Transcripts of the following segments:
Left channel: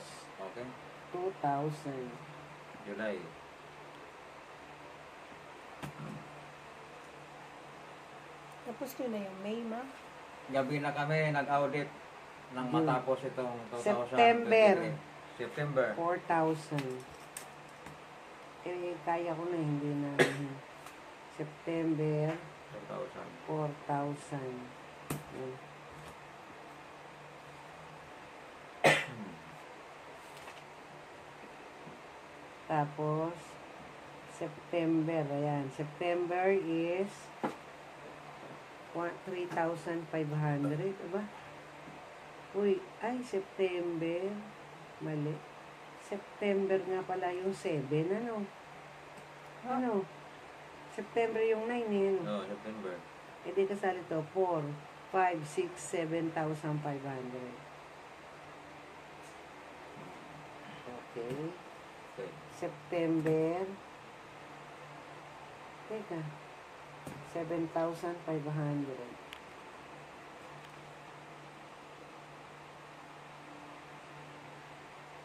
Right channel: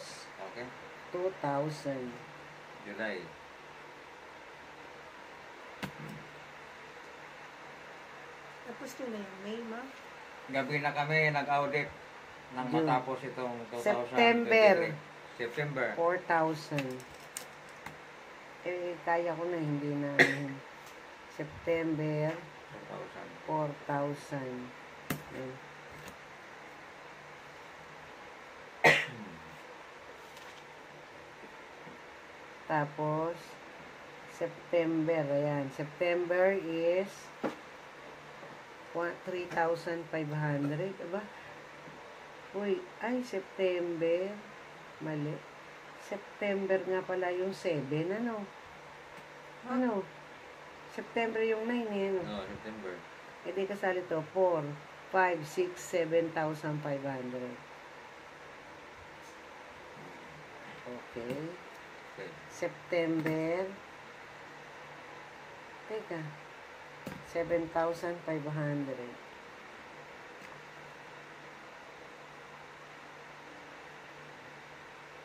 Okay. 2,000. July. Tapos ko na yung May, ma. Gabi na kami nag-audit nang June. matapos itong 2023. September. September. 4,000. Eh, kaya ko na, hindi na. September, 4,000. 4,000. Tapos, September, ayan. September is 3,500. Aba? Uy, ay, September. Mali. September nga pala yung 7, ano? Ano? September yung 9, eh, ano? No, September. E di kasali to, 4, 5, 6, 7,500. Okay. Okay. September. Teka. 7,500.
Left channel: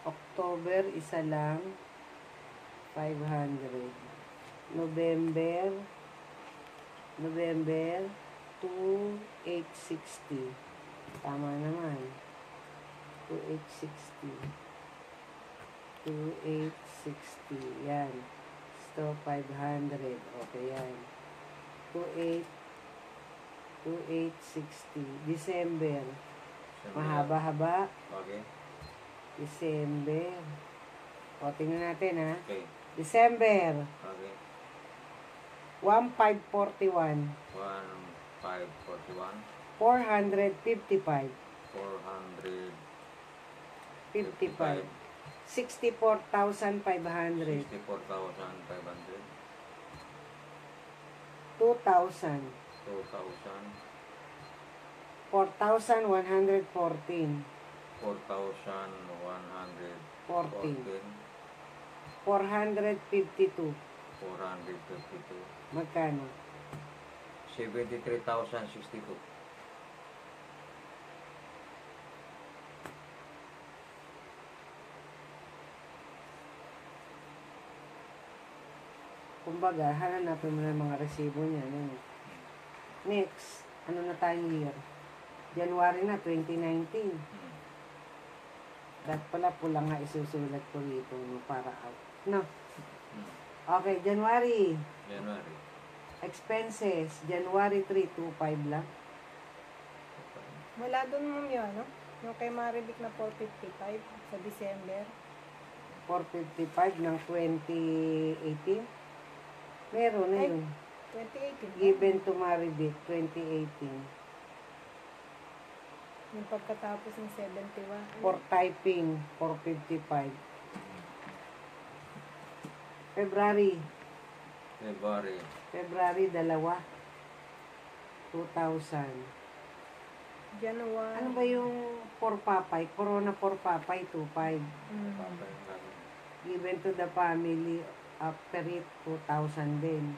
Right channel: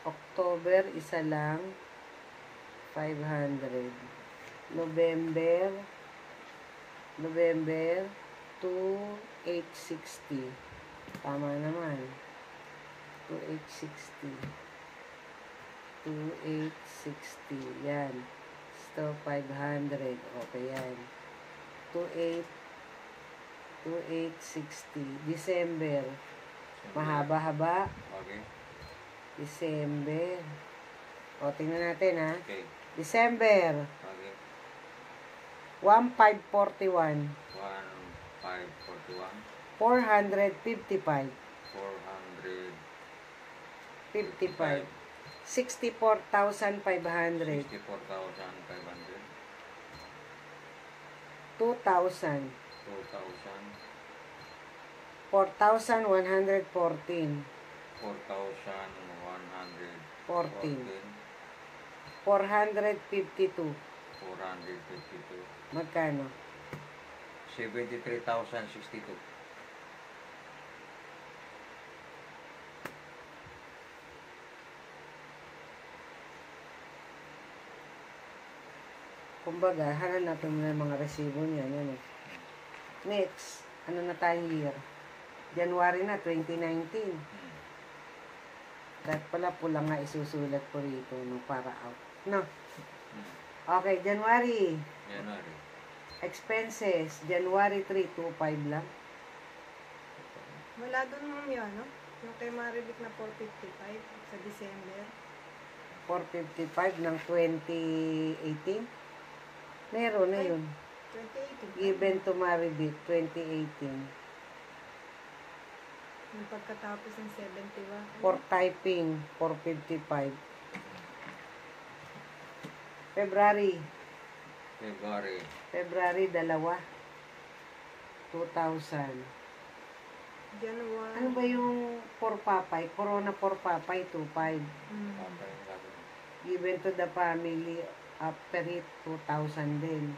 October, isa lang. 500. November, 2,860. Tama naman. 2,860. 2,860. Yan. So, 500. Okay, yan. 2,860. December. Mahaba-haba. Okay. December. O, tingnan natin, ha. Okay. December. Okay. 1,541. 1,541. 455. 455. 64,500. 64,500. 2,000. 2,000. 4,114. 4,114. 452. 452. Magkano? 73,062. Kumbaga, hanapin mo na yung mga resibo niya. Ano? Next, ano na tayo year? January na, 2019. Dapat pala pula nga isusulat ko rito para out. No? Okay, January. January. Expenses, January 3, 2,500 lang. Wala doon mo yun, no? Yung kay Marivic na 455 sa December. 455 ng 2018. Meron na yun. 2018. Given to Marivic, 2018. Yung pagkatapos ng 71. For typing, 455. February. February, 2. 2,000. January. Ano ba yung 4 papay? Corona 4 papay, 2,500. Given to the family, after it, 2,000 din.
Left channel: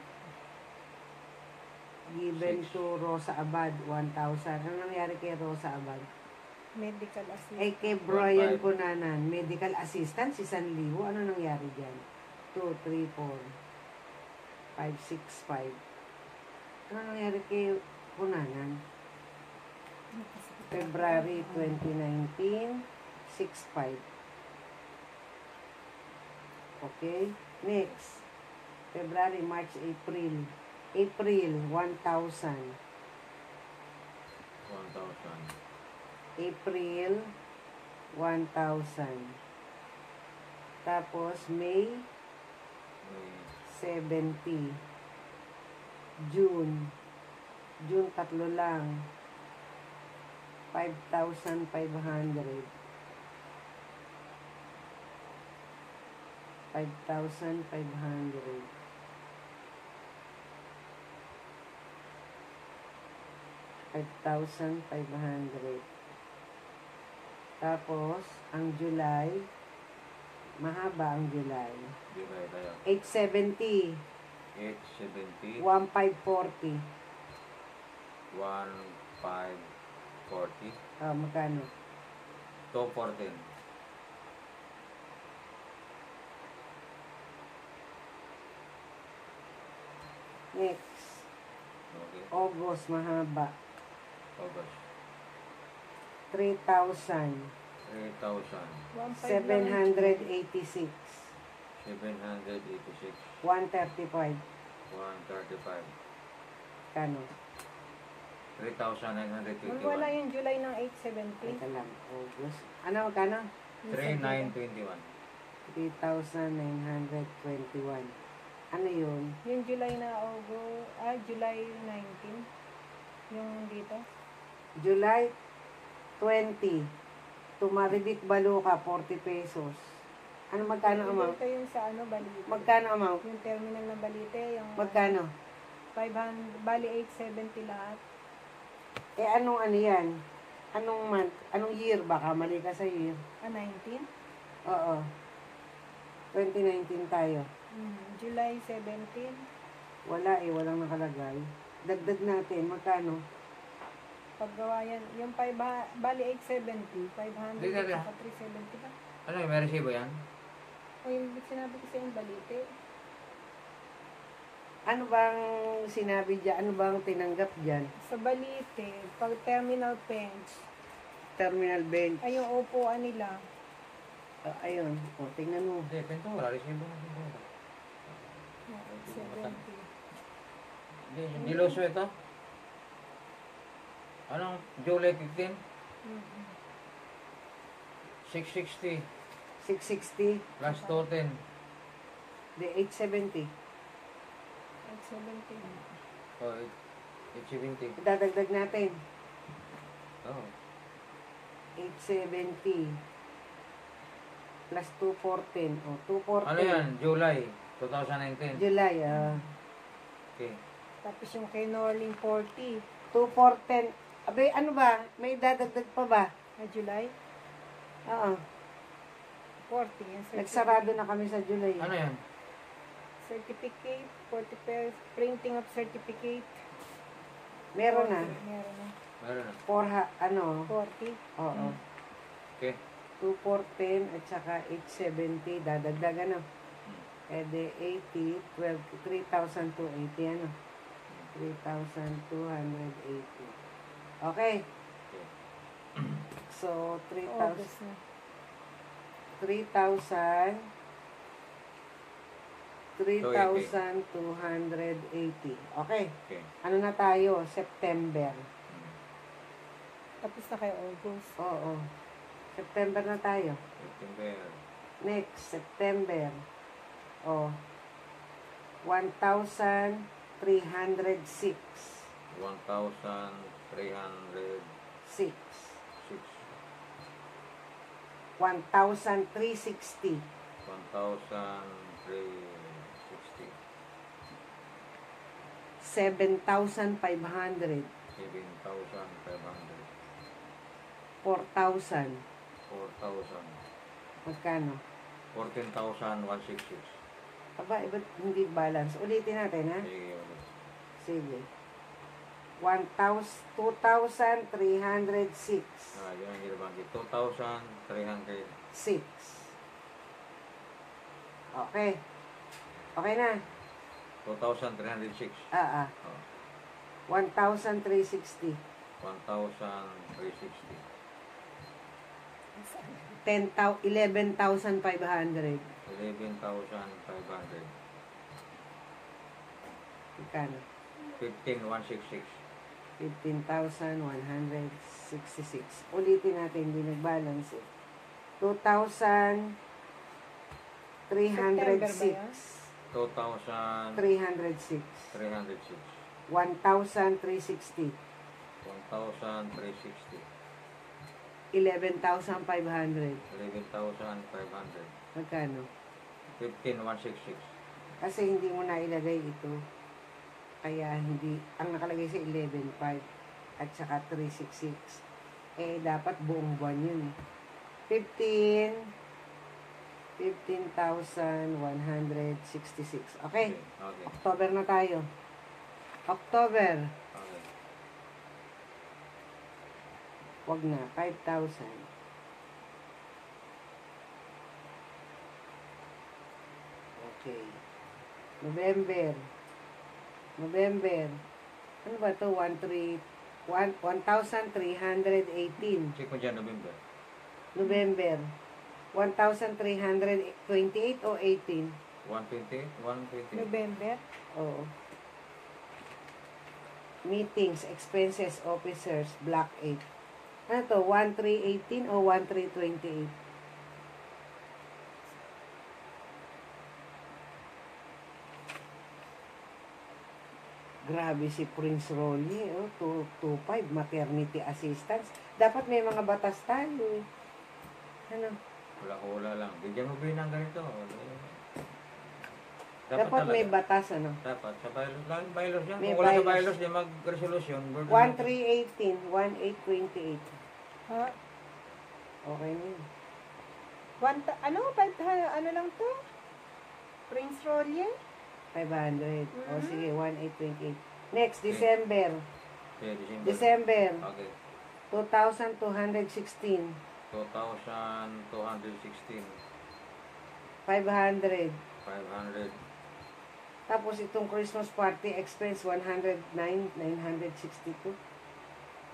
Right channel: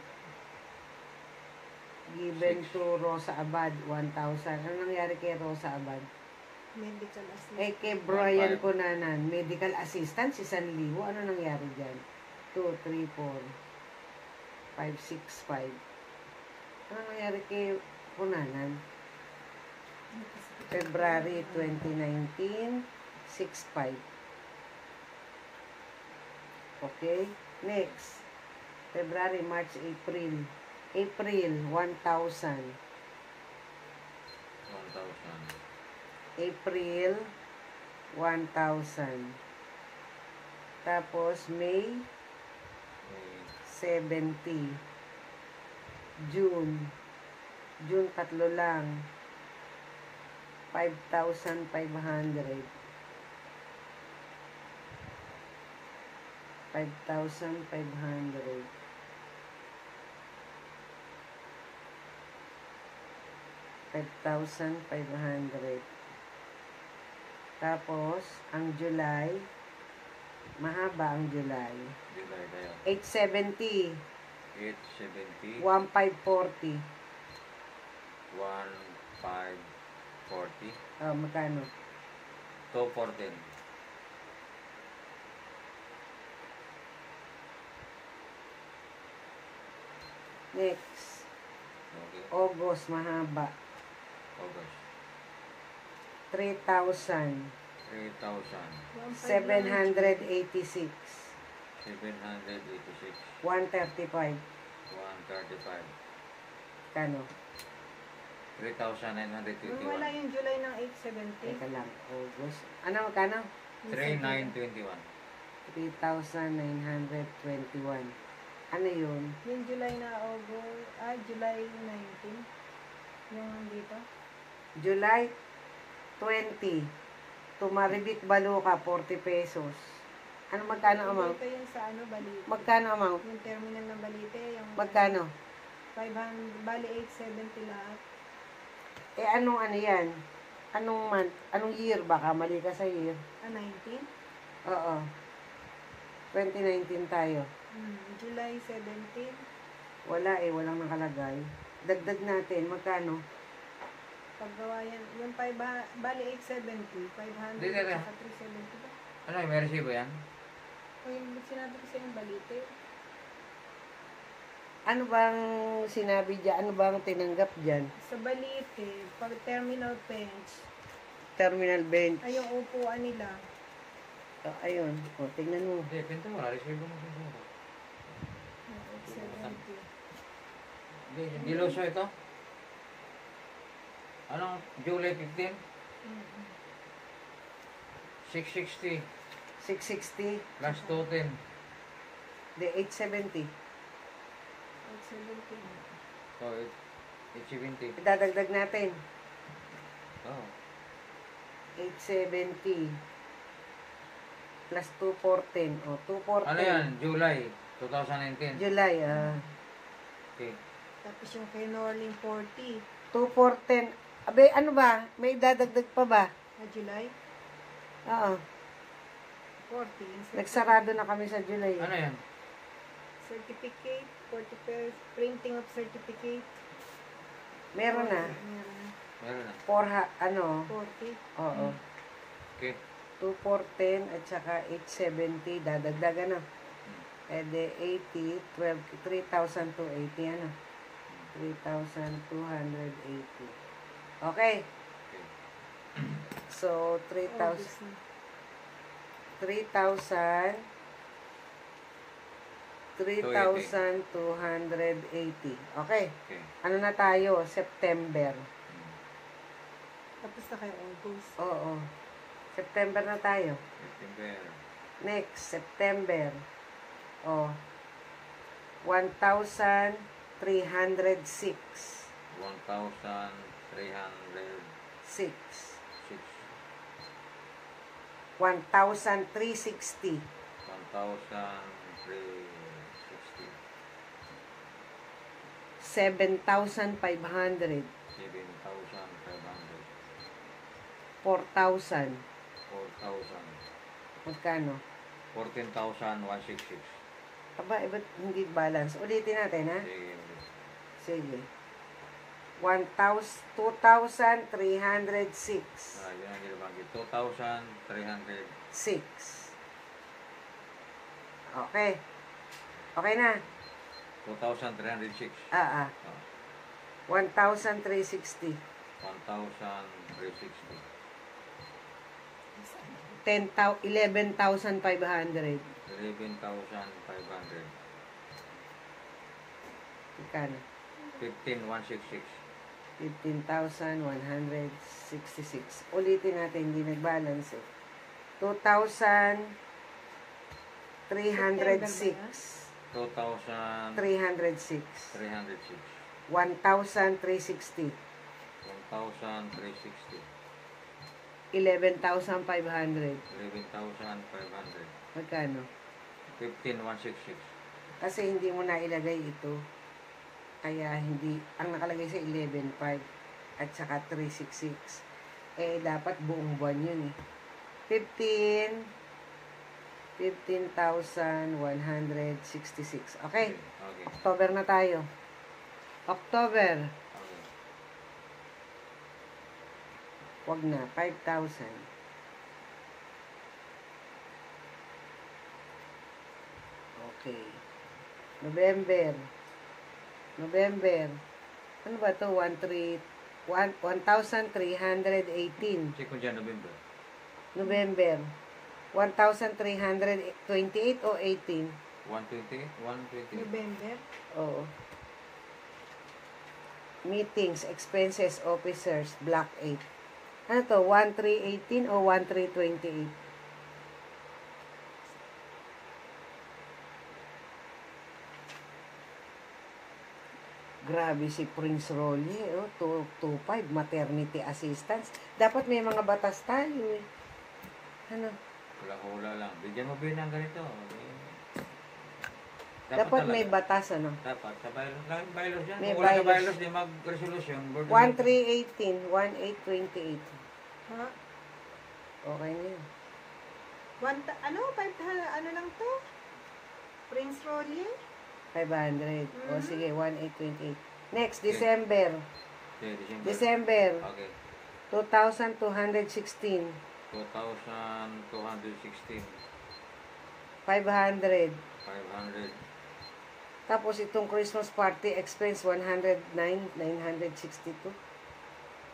Given to Rosa Abad, 1,000. Ano nangyari kay Rosa Abad? Medical assistant. Eh, kay Brian Cunanan, medical assistant, si Sanliwo. Ano nangyari dyan? 2, 3, 4, 5, 6, 5. Ano nangyari kay Cunanan? February 2019, 6,500. Okay? Next. February, March, April. April, 1,000. 1,000. April, 1,000. Tapos, May, 70. June. June, 3 lang. 5,500. 5,500. 5,500. Tapos, ang July, mahaba ang July. July tayo. 870. 870. 1,540. 1,540. Magkano? 214. Next. Okay. August, mahaba. August. 3,000. 3,000. 1.5 lang ang 786. 786. 135. 135. Kano? 3,921. Wala yung July ng 870. Teka lang. August. Ano, kano? 3,921. 3,921. Ano yun? Yung July na July 19. Yung dito. July 20. Tumaribit Baluka, 40 pesos. Ano, magkano amount? Dito yung sa Balite. Magkano amount? Yung terminal ng Balite. Yung Magkano? 500, bali 870 lahat. Eh, anong ano yan? Anong month? Anong year? Baka mali ka sa year. 19? Oo. 2019 tayo. July 17. Wala eh, walang nakalagay. Dagdag natin, magkano? Paggawa yan. Yung bali 870. 500 Hindi, hindi. at saka 370 ba? Ano yung may resibo yan? O yung sinabi ko sa yung Balite. Ano bang sinabi dyan? Ano bang tinanggap dyan? Sa Balite, pag terminal bench, Terminal bench. ay yung upuan nila. Oh, ayun. O, tingnan mo. Hindi, pinto wala. Resibo mo pinto wala. Yung 870. Hindi, diloso ito. Anong July 15? Mhm. 660 660. plus 210. The 870. 870. So, 870. Dadagdag natin. Oh. 870. Plus 214. O, 214. Ano yan? July 2019. July. Okay. Tapos yung kay Norling 40. 214. Abe, ano ba? May dadagdag pa ba? Na July, Oo. 40. Yung Nagsarado na kami sa July. Ano yan? certificate, 40 pairs, printing of certificate. Meron na. Meron na. Meron na. 40. Oo. Okay. 214 at saka 870. Dadagdagan na. Eh, de 80, 12, 3,280. Ano? 3,280. Okay. Okay. So, 3,000. August na. 3,280. Okay. Okay. Ano na tayo? September. Tapos na kay August. Oo. September na tayo. September. Next, September. Oh. 1,306. 1,306. 6. 1,360. 1,360. 7,500. 7,500. 4,000. 4,000. Magkano? 14,166. Aba, iba't hindi balance. Ulitin natin, ha? Sige, ulit. Sige. 2,306. Yun ang ginabanggit. 2,300. 6. Okay. Okay na. 2,306. Ah. Oh, 1,360. 1,360. 11,500. 11,500. Magkano? 15,166. 15,166. Ulitin natin, hindi nag-balance eh. 2,306. 2,306. 306. 1,360. 1,360. 11,500. 11,500. Magkano? 15,166. Kasi hindi mo na ilagay ito. Kaya hindi, ang nakalagay sa 11,500 at saka 366. Eh, dapat buong buwan yun eh. 15,166. Okay? Okay. October na tayo. October. Okay. Wag na. 5,000. Okay. November. November. Ano ba to? 1,318. Check mo dyan, November. November. 1,328 o 18? 120? 120? November. Oo. Meetings, expenses, officers, block 8. Ano to? 1,318 o 1,328? Grabe si Prince Rolly, oh, 225, maternity assistance. Dapat may mga batas tayo eh. Ano? Hula-hula lang. Bigyan mo ba ng ganito? Dapat Dapat may talaga. batas, ano? Dapat. Sa bylaws. Laging bylaws yan. May Kung wala sa bylaws. bylaws, di mag-resolution. 1,318, 1,828. Ha? Okay na yun. Ano lang to? Prince Rolly? 500. O Mhm. sige, 1,828. Next, Okay. December. Okay, December. December, Okay. 2,216. 2,216. 500. 500. Tapos itong Christmas party expense, 109, 962.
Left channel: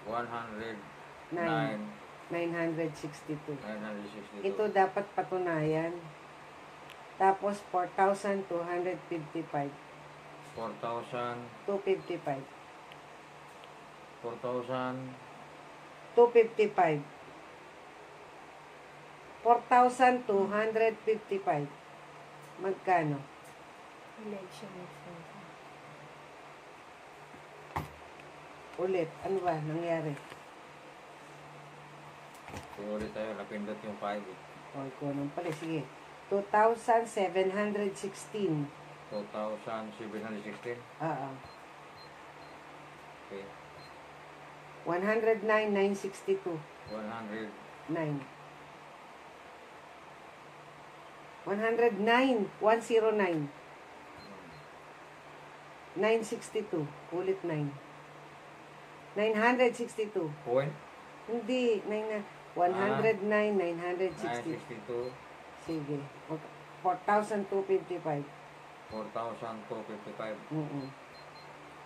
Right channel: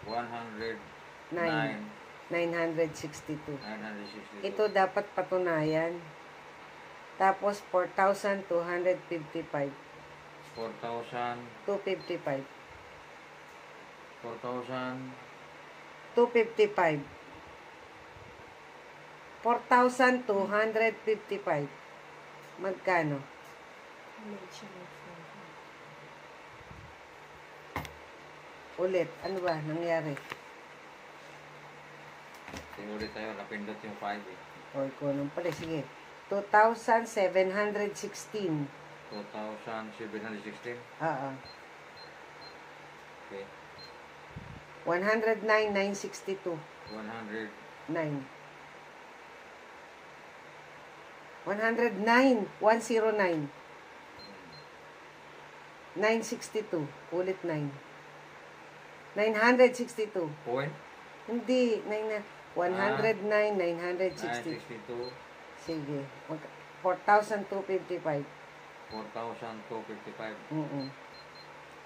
109. 962. 962. Ito dapat patunayan. Tapos 4,255. 4,000. 255. 4,000. 255. 4,255. Magkano? Election expenses. Ulit. Ano ba? Nangyari? Sige ulit tayo. Napindot yung 5 eh. O, kung pala. Sige. 2,716. 2,716. Oo. Okay. 109,962. 100. 9. 109. 109. 962. Ulit 9. 962. Point. Hindi. 109, 962. 962. Sige. 4,255. 4,255.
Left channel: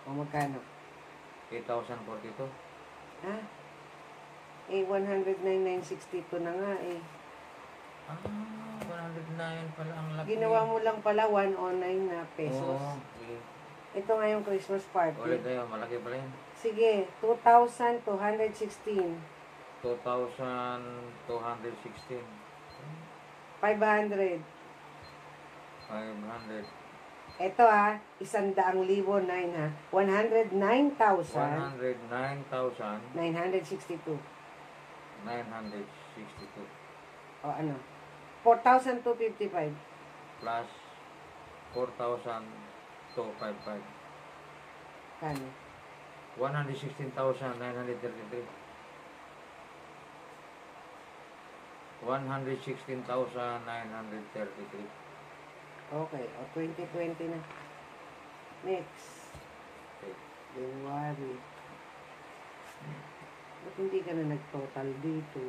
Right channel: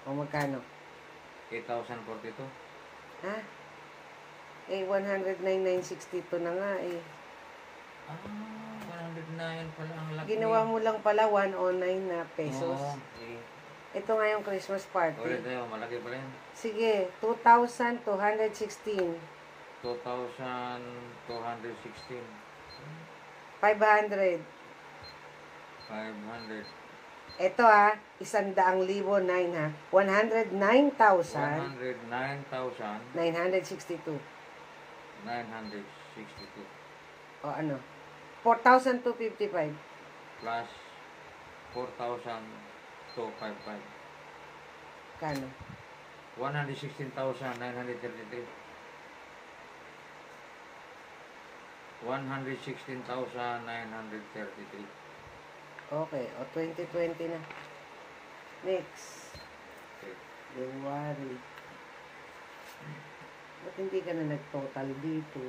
O magkano? 8,042. Ha? Eh, 109,962 na nga eh. 109 pala ang laki. Ginawa mo lang pala 109 na pesos. Oo. Okay. Ito nga yung Christmas Ulit party. tayo. Malaki pala yan. Sige, 2,216. 2,216. 500. 500. Ito 100,009 ha. 109,962. 109,962. O ano? 4,255. Plus 4,255. Kano? 116,933. 116,933. Okay. O 2020 na. Next. Okay. January. Ba't hindi ka na nag-total dito?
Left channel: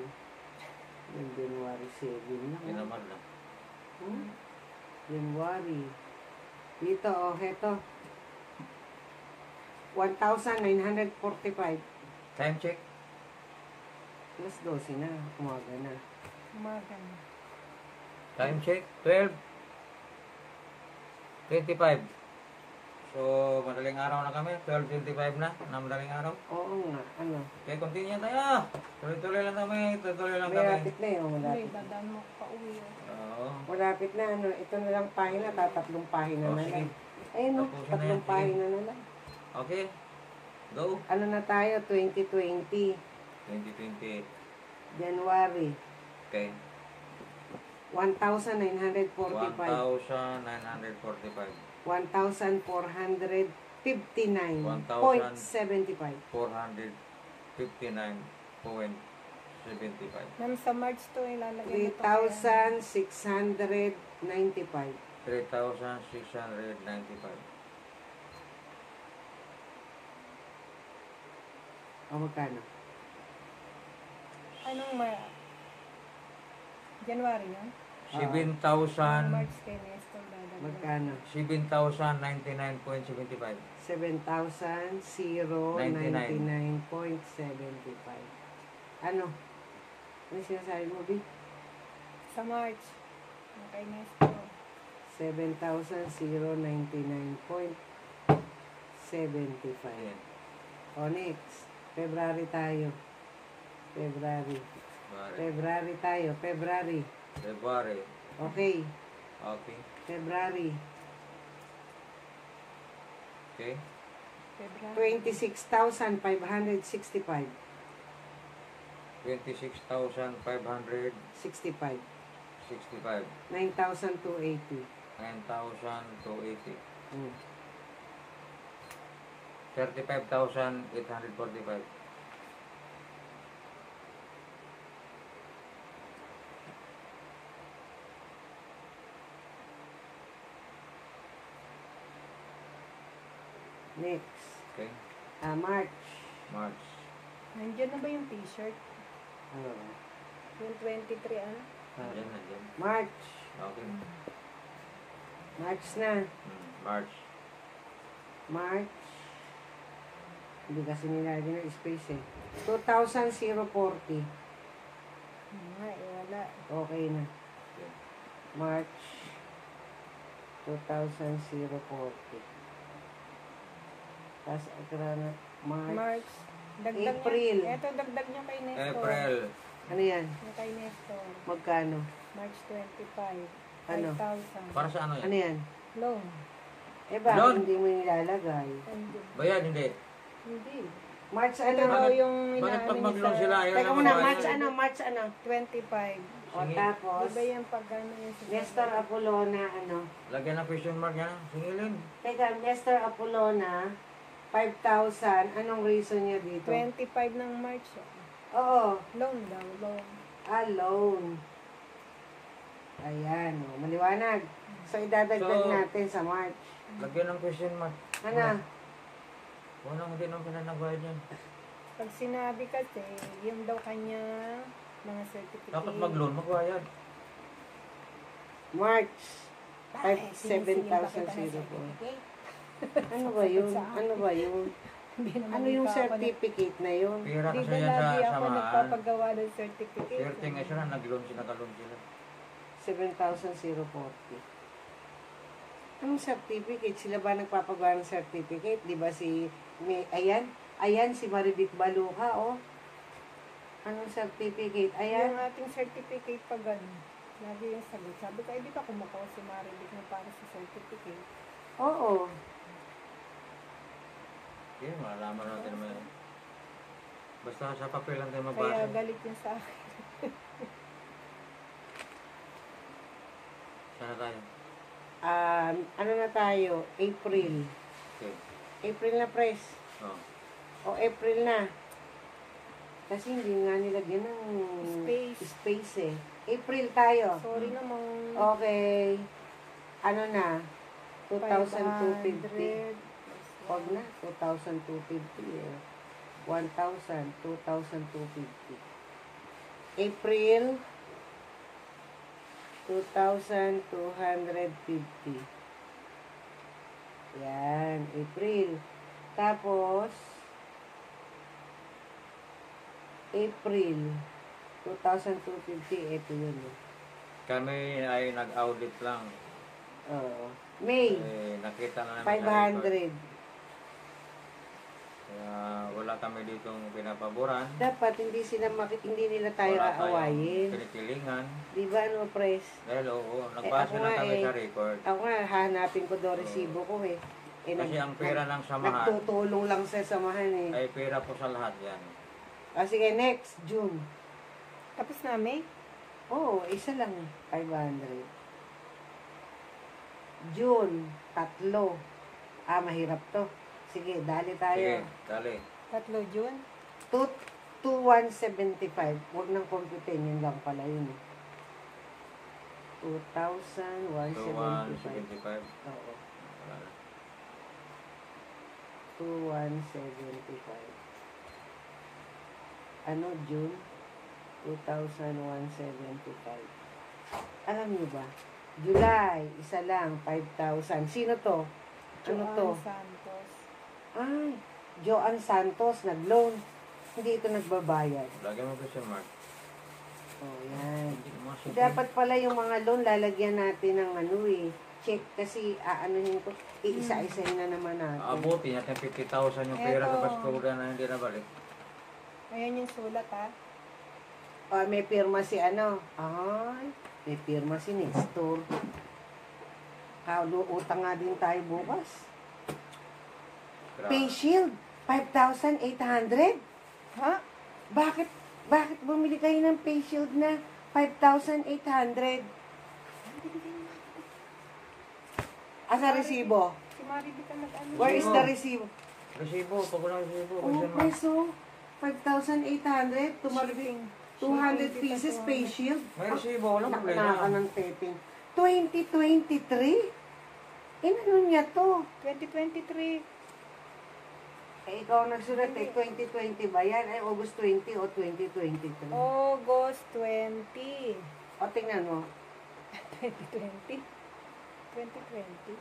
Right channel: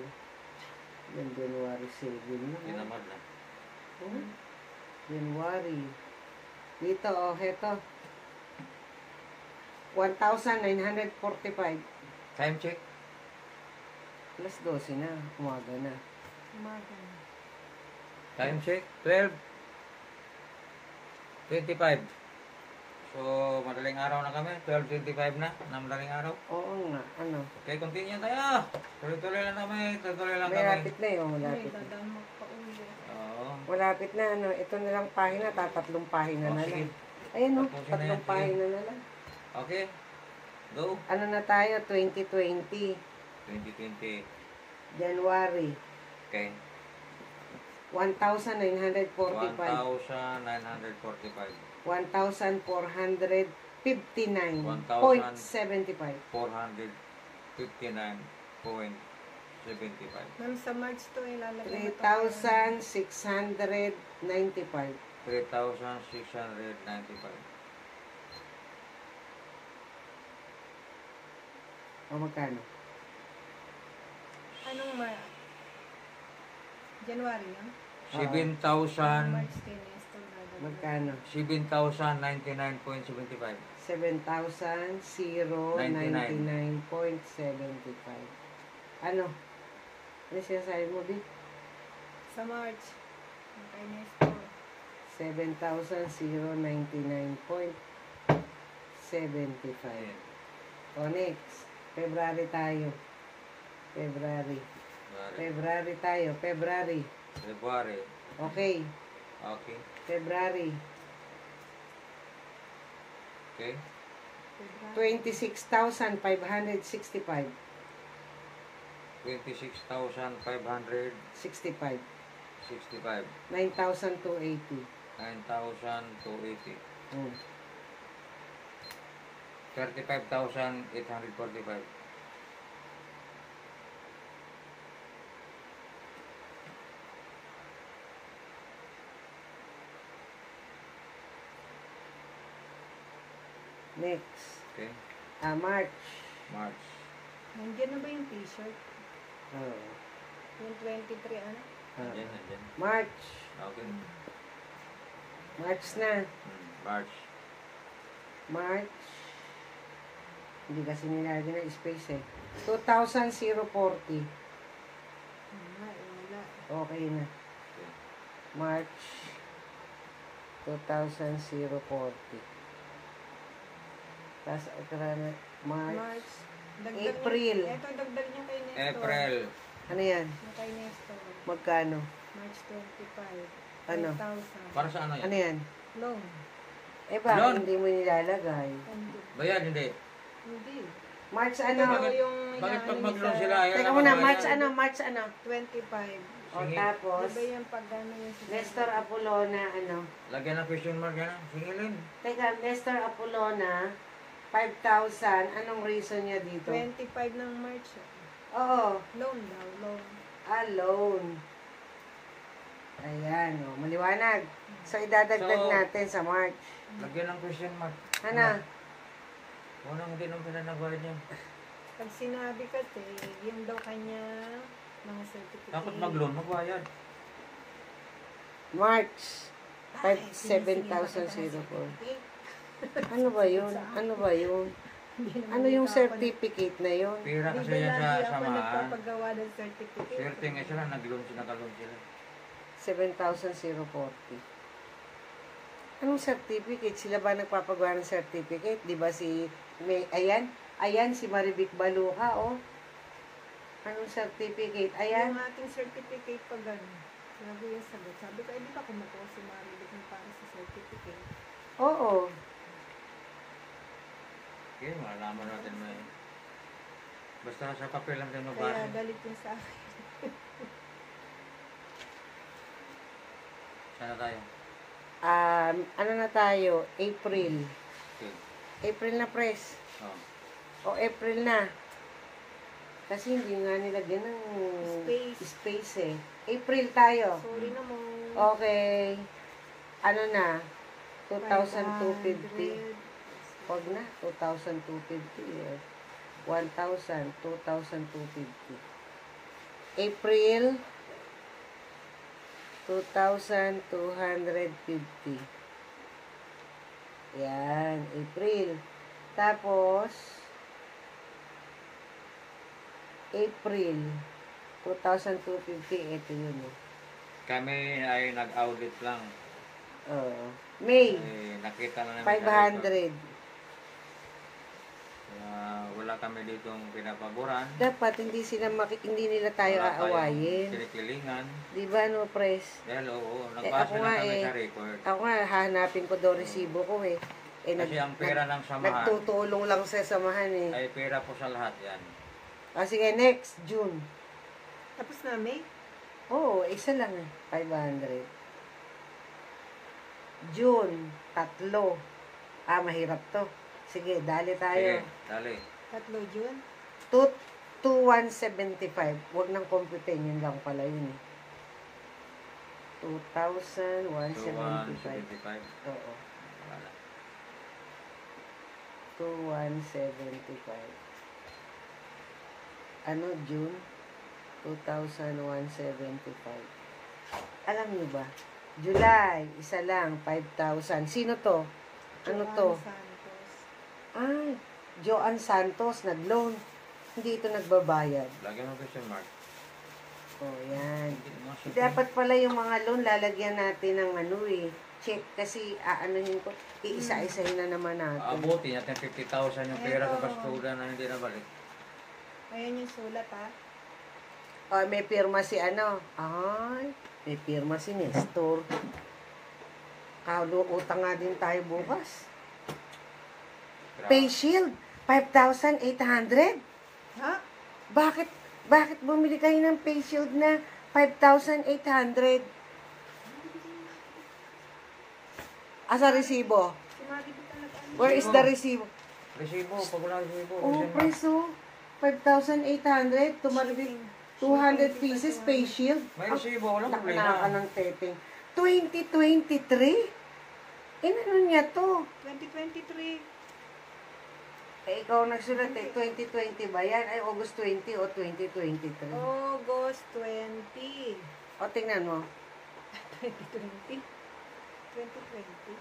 Yung January 7 na. Ginamad na. January. Dito, heto. 1,945. Time check. Alas 12 na. Umaga na. Umaga. Time check. 12:25. So, madaling araw na kami. 12:25 na. Madaling araw. Oo nga. Ano? Okay, continue tayo. Tuloy-tuloy lang kami. Tuloy-tuloy lang kami. Malapit na yung Hindi, malapit. dadaan mo pa uwi. Oo. Malapit na. Ano? Ito na lang pahina. Tatatlong pahina Oh, na sige. lang. Ayun o. Tapusin na yan, Tatlong sige. pahina na lang. Okay. Go. Ano na tayo? 2020. 2020. January. Okay. 1,945. 1,945. 1,459.75. 459.75. Ma'am, sa March to ilalagay mo to. 3,695. 3,695. O magkano? Anong January na? 7,000. March 10 yes to dadagdag. Magkano? 7,099.75. 7,099.75. Ano? Ano sinasabi mo, B? Sa March. Yung kay Nestor. 7,099.75. Ayan. O, next. February tayo. February. February tayo. February. February. Okay. Okay. February. Okay. February. 26,565. 26,565. 65. 9,280. 9,280. 35,845. Next. Okay. March. March. Nandiyan na ba yung t-shirt? Oh. Yung 23, ano? Nandiyan, nandiyan. March. Okay. March na. March. March. Hindi kasi nilagyan ng space eh. 2,040. Wala. Okay na. Okay. March 2,040. Tapos, ito na, March. Dagdag April. Niya, ito, dagdag niya kay Nestor. April. Ano yan? Yung kay Nestor. Magkano? March 25. Ano? 5,000. Para sa ano Ano yan? yan? Loan. Eh ba, Loan? hindi mo nilalagay. Nandiyan. Bayad, hindi. Hindi. March Ito ano? daw yung Bakit pag inaano mag-loan niya sila, sa ayaw Teka na muna, magbayad? March ano? March ano? 25. O Sige. tapos, Diba yung pag ano yung sa Nestor Apolona, ano? Lagyan ng question mark yan. Singilin. Teka, Nestor Apolona, 5,000. Anong reason niya dito? 25 ng March. Oo, Loan daw, loan. loan. Ayan, o, maliwanag. So, idadagdag So, natin sa March. Lagyan ng question mark. Ano? Unang hindi naman sila nagbayad niyan. Pag sinabi kasi, yung daw kanya mga certificate. Dapat mag-loan, magbayad. March. Bakit? 7,000 Sinisigil po. pa kita ng certificate? Ano ba yun? Ano ba yun? Hindi naman Ano yung dito ako certificate na yun? Pira Di kasi ba yan sa lagi ako samahan. nagpapagawa ng certificate? Swerte nga sila, nag-loan sila, nag-loan sila. 7,040. Anong certificate? Sila ba nagpapagawa ng certificate? Di ba si... Ayan, si Marivic Baluha, oh. Anong certificate? Yung Ayan. ating certificate pag gano'n. Lagi yung sagot. Sabi ko, di ba kumukuha si Marivic na para sa certificate? Oo. Okay, malalaman natin may... Basta sa papel lang tayo Kaya magbasa. galit yun sa akin. Sana tayo. Ano na tayo? April. Okay. April na, press. Oh. O, April na. Kasi hindi nga nilagyan ng space eh. April tayo. Sorry naman. Okay. Ano na? 2,250. 500. Wag na. 2,250 eh. 1,000. 2,250. April. 2,250. Yan. April. Tapos, April. 2,250. Ito yun eh. Kami ay nag-audit lang. May. Nakita na namin sa record. 500. Kaya wala kami ditong pinapaboran. Dapat hindi nila tayo Wala tayong aawayin. pinipilingan. Di ba, no, press? Dahil oo, nagbasa ako na nga kami eh. sa record. Ako nga, hanapin ko daw resibo ko eh. Kasi ang pera ng samahan Nagtutulong lang sa samahan eh. ay pera po sa lahat yan. Sige, next, June. Tapos na, May? Oo, isa lang eh. 500. June, 3. Mahirap to. Sige, dali tayo. Sige, dali. 3 June? 2,175. Huwag nang computin, yun lang pala yun. 2,175. 2,175. Oo. Wala na. 2,175. Ano, June? 2,175. Alam niyo ba, July, isa lang, 5,000. Sino to? Ano to? Joanne Santos. Ah, Joanne Santos, nag-loan. Hindi ito nagbabayad. Lagyan mo question mark. Oh, yan. Hindi mo siya. Dapat pala yung mga loan, lalagyan natin ng ano check. Kasi aanuhin ko, iisa-isahin na naman natin. Abuti natin 50,000 yung pera sa Eto. bastuda na hindi nabalik. Ayan yung sulat ha. Oh, may pirma si ano. Ay, may pirma si Nestor. Utang nga din tayo bukas. Face shield, 5,800. Ha? Bakit bumili kayo ng face shield na 5,800? Asa resibo? Si Maribel ka nag-ano. Where is the resibo? Resibo, pag wala resibo. Oh, question mark. preso. 5,800. Tumalibig 200 pieces face shield. May resibo, walang Nakakala problema. ng teteng. 2023? Ano niya to? 2023. Ikaw nagsulat 2020 ba yan? August 20 o 2023? August 20. O, tingnan mo. 2020? 2020.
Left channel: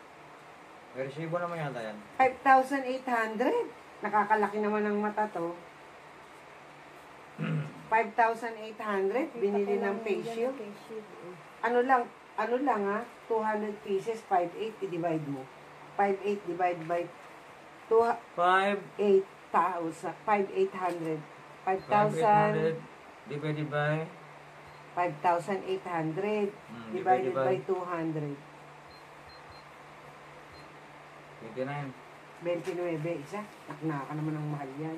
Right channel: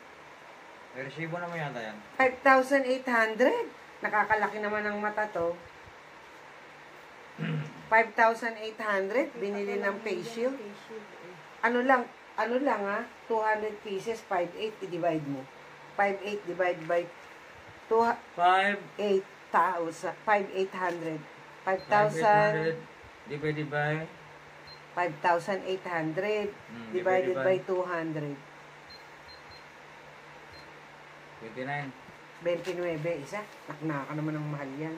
May resibo naman yata yan. 5,800. Nakakalaki naman ng mata to. 5,800. Binili ng face shield. Ano lang ha? 200 pieces, 5,800. I-divide mo. 5,800 divide by 5,800 5,800. 5,000. divided by 5,800 divided divided by by 200. 29. 29, isa. Naknaka naman ng mahal yan.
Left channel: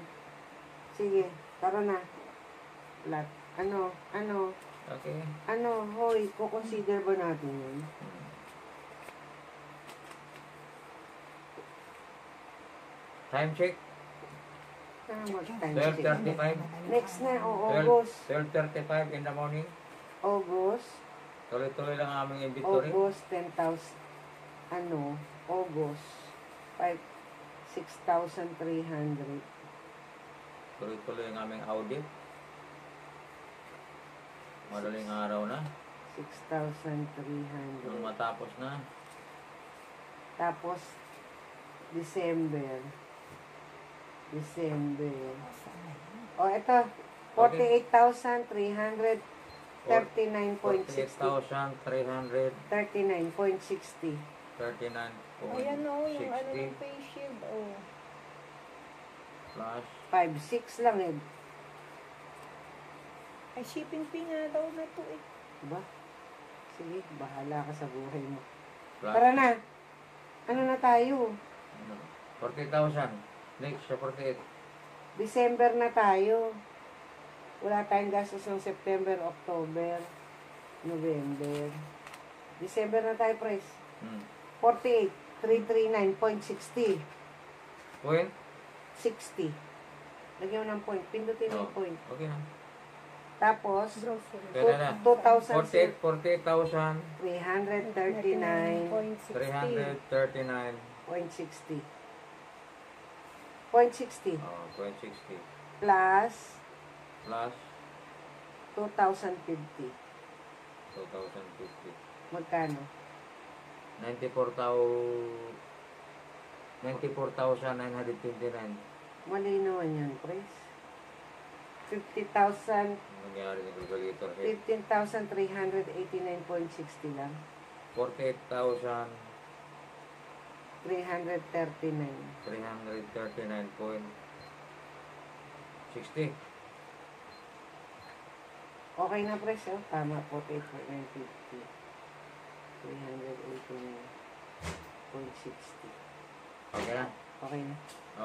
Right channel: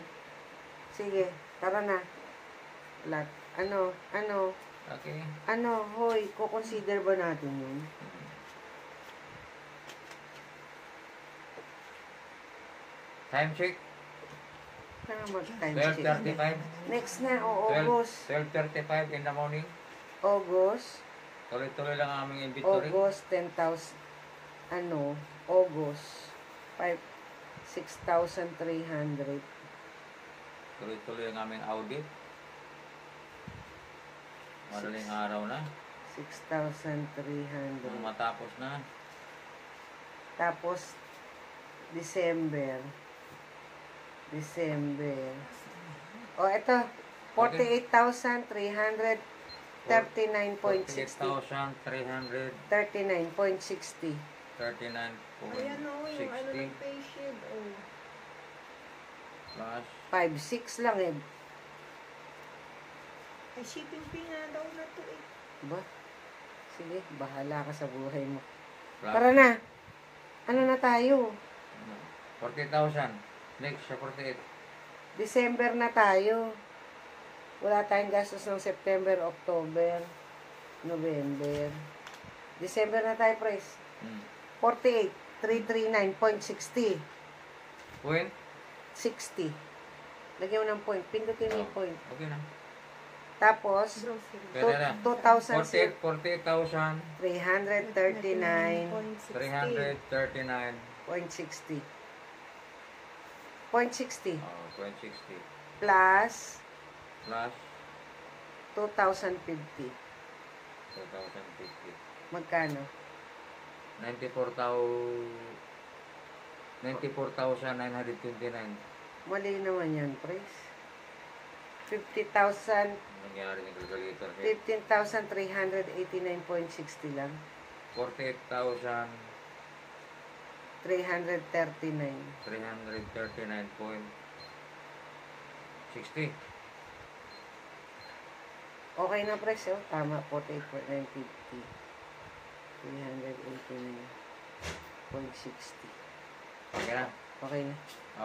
Sige, tara na. Ano, Okay. hoy, kukonsider ba natin yun? Time check. Ano mag-time check? 12:35. Next na, August. 12:35 in the morning. August. Tuloy-tuloy lang ang aming inventory. August, 10,000. August. 6,300. Tuloy-tuloy ang aming audit. Madaling araw na. 6,300. Nang matapos na. Tapos, December. O, ito. 48,339.60. 48,300. 39.60. 39.60 Ayan o, yung ano ng face shield. Oh. plus 5,600 lang eh. Ay, shipping fee nga daw na to eh. Diba? Sige, bahala ka sa buhay mo. plus Tara na. Ano na tayo? 40,000. Next sa 48. December na tayo. Wala tayong gastos ng September, October, November. December na tayo, price. 48,339.60. Point? 60. Lagyan mo ng point. Pindutin mo yung point. Okay na. Tapos, Grocery. Pwede na. 2,000. 48,000. 339.60. 339. 0.60. Oh, 0.60. Plus Plus 2,050. 2,050. Magkano? 94,929. Mali naman yan, price. 50,000, Nangyari ng calculator. 15,389.60 lang. 48,339.60. 339. Okay na, price, oh. Tama, 48,950. 389.60. Okay na. Okay na.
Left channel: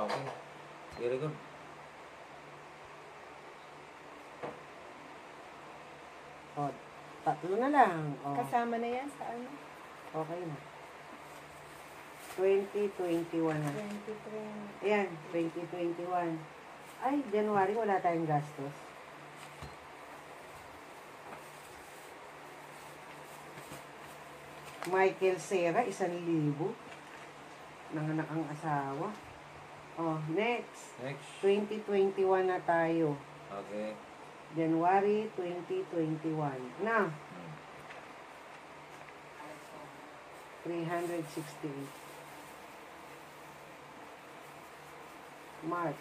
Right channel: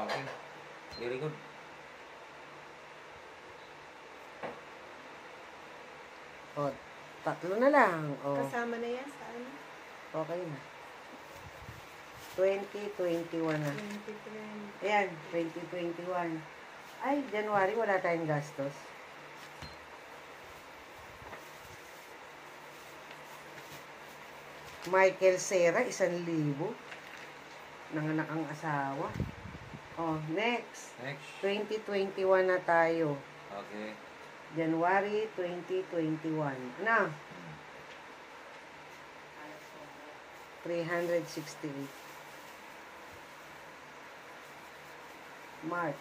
Okay. Very good. O, tatlo na lang. O, Kasama na yan sa ano? okay na. 2021 na. 2020. Ayan, 2021. Ay, January, wala tayong gastos. Michael Serra, 1,000. Nanganak ang asawa. Oh, next. Next. 2021 na tayo. Okay. January 2021. Na, 368. March,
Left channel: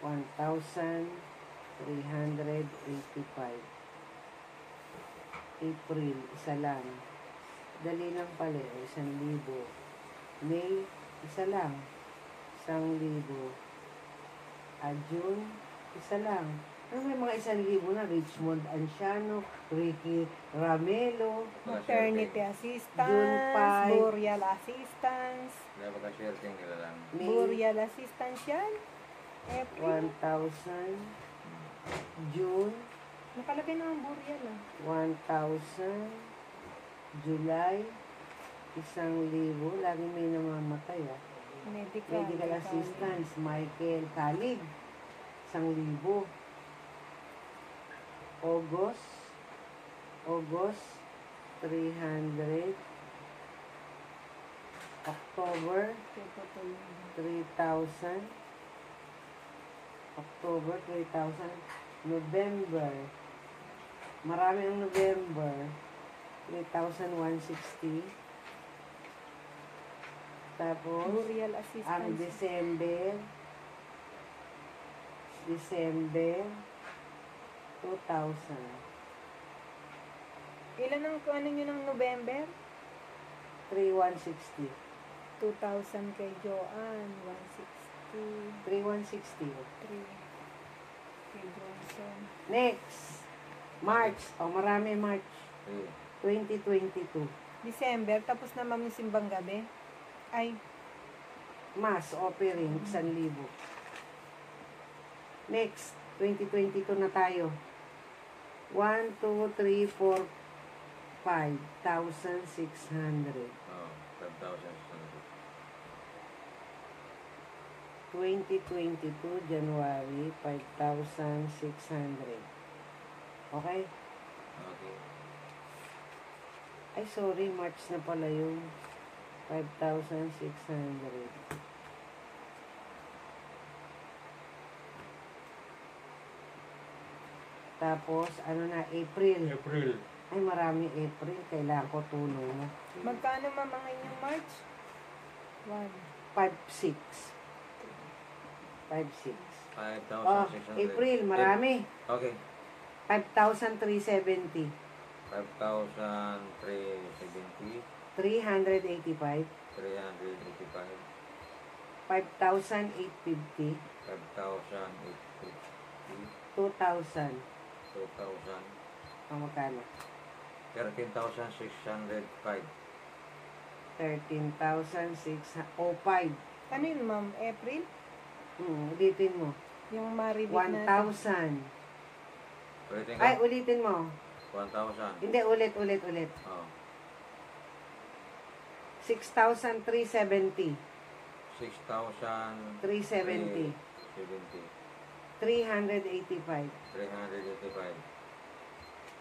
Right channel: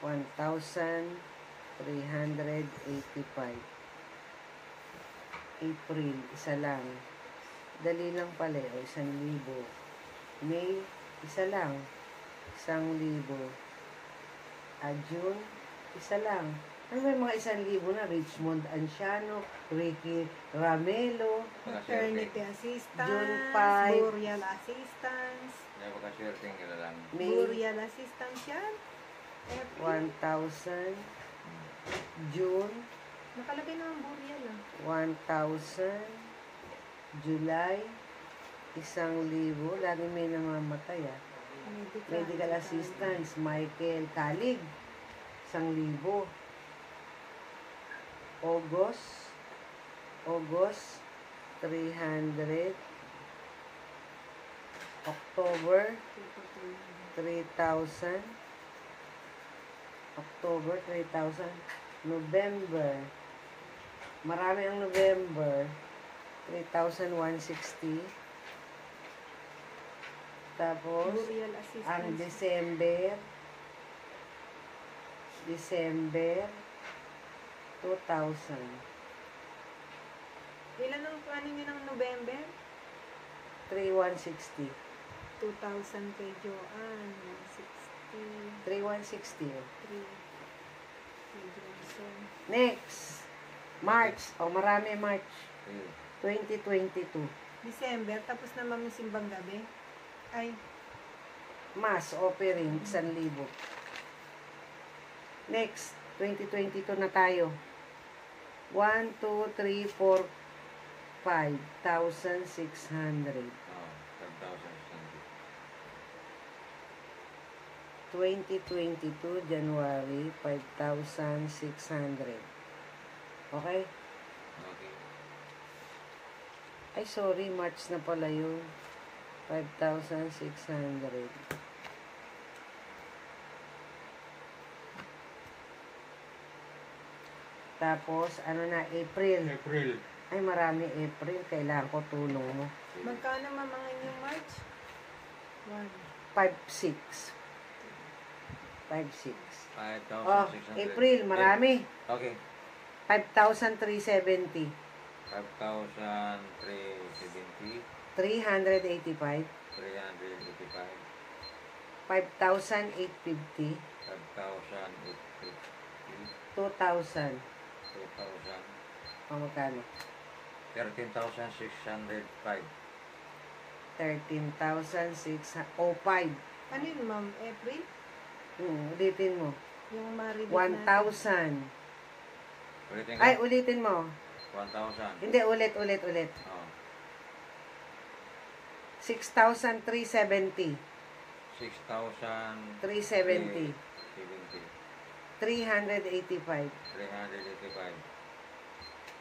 1,385. April, isa lang. Dali lang pala, o 1,000. May, isa lang. 1,000. June, isa lang. Ano ba yung mga 1,000 na? Richmond Anciano, Ricky Ramelo, Maternity assistance, June 5. burial assistance, Kaya pagka-swerte yung kita lang. May burial assistance yan. April. 1,000. June, Nakalagay na ang burial ah. 1,000. July, 1,000. Lagi may namamatay ah. Medical assistance, Michael Kalig, 1,000. August, 300. October, 3,000. October, 3,000. November, marami ang November, 3,160. Tapos, Burial ang assistance. December, 2,000. Ilan ang ano nyo ng November? 3,160. 2,000 kay Joanne, 160, 3,160. 3 kay Johnson. Next, March. Marami March. 2022. December, tapos na ma'am yung simbang gabi. Ay, Mass offering, 1,000. Next, 2022 na tayo. 1, 2, 3, 4, 5,600. Oo, 5,600. 2022, January, 5,600. Okay? Okay. Ay, sorry, March na pala yung 5,600. Tapos, ano na, April. April. Ay, marami April. Kailangan ko tulong mo. magkano ma'am ang inyong March? 1. 5,600. 5,600. 5,600. April, marami. Okay. 5,370. 5,370. 385. 385. 5,850. 5,850. 2,000. 2,000. Magkano? 13,605. 13,605. Ano yun ma'am? April? Ulitin mo. Yung maribit na. 1,000. Ulitin Ay, ka? ulitin mo. 1,000. Hindi, ulit. Oh. 6,370. 6,370. 385. 385.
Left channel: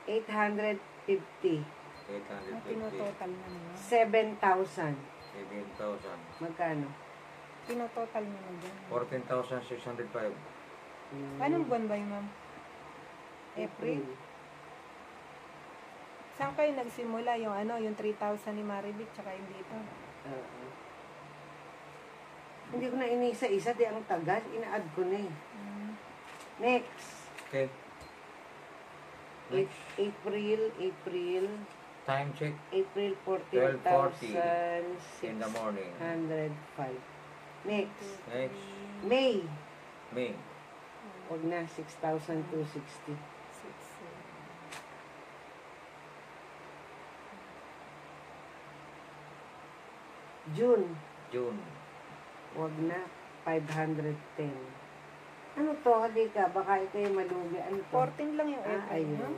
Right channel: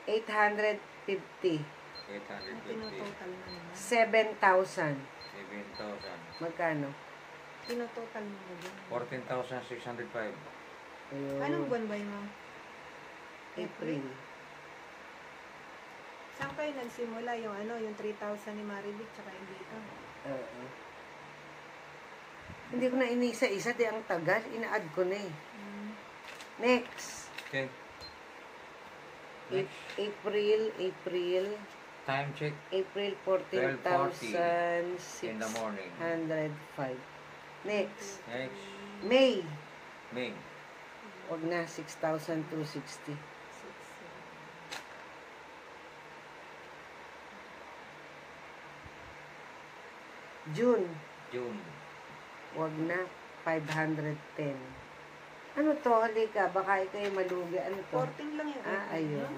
850. 850. Tinototal na naman. 7,000. 7,000. Magkano? Tinototal na na dyan. 14,605. Ayun. Anong buwan ba yun ma'am? April. Saan kayo nagsimula? Yung ano, yung 3,000 ni Maribik tsaka yung dito. Oo. Hindi ko na inisa-isa. Di ang tagal. Ina-add ko na eh. Next. Okay. Next. April. Time check. April 12:40 14,605. in the morning. Next. Next. May. May. Huwag na. 6,260. 6, June. June. Huwag na. 510. Ano to? Halika. Baka ito yung malugi. Ano to? 14 lang yung April. Ayun. No?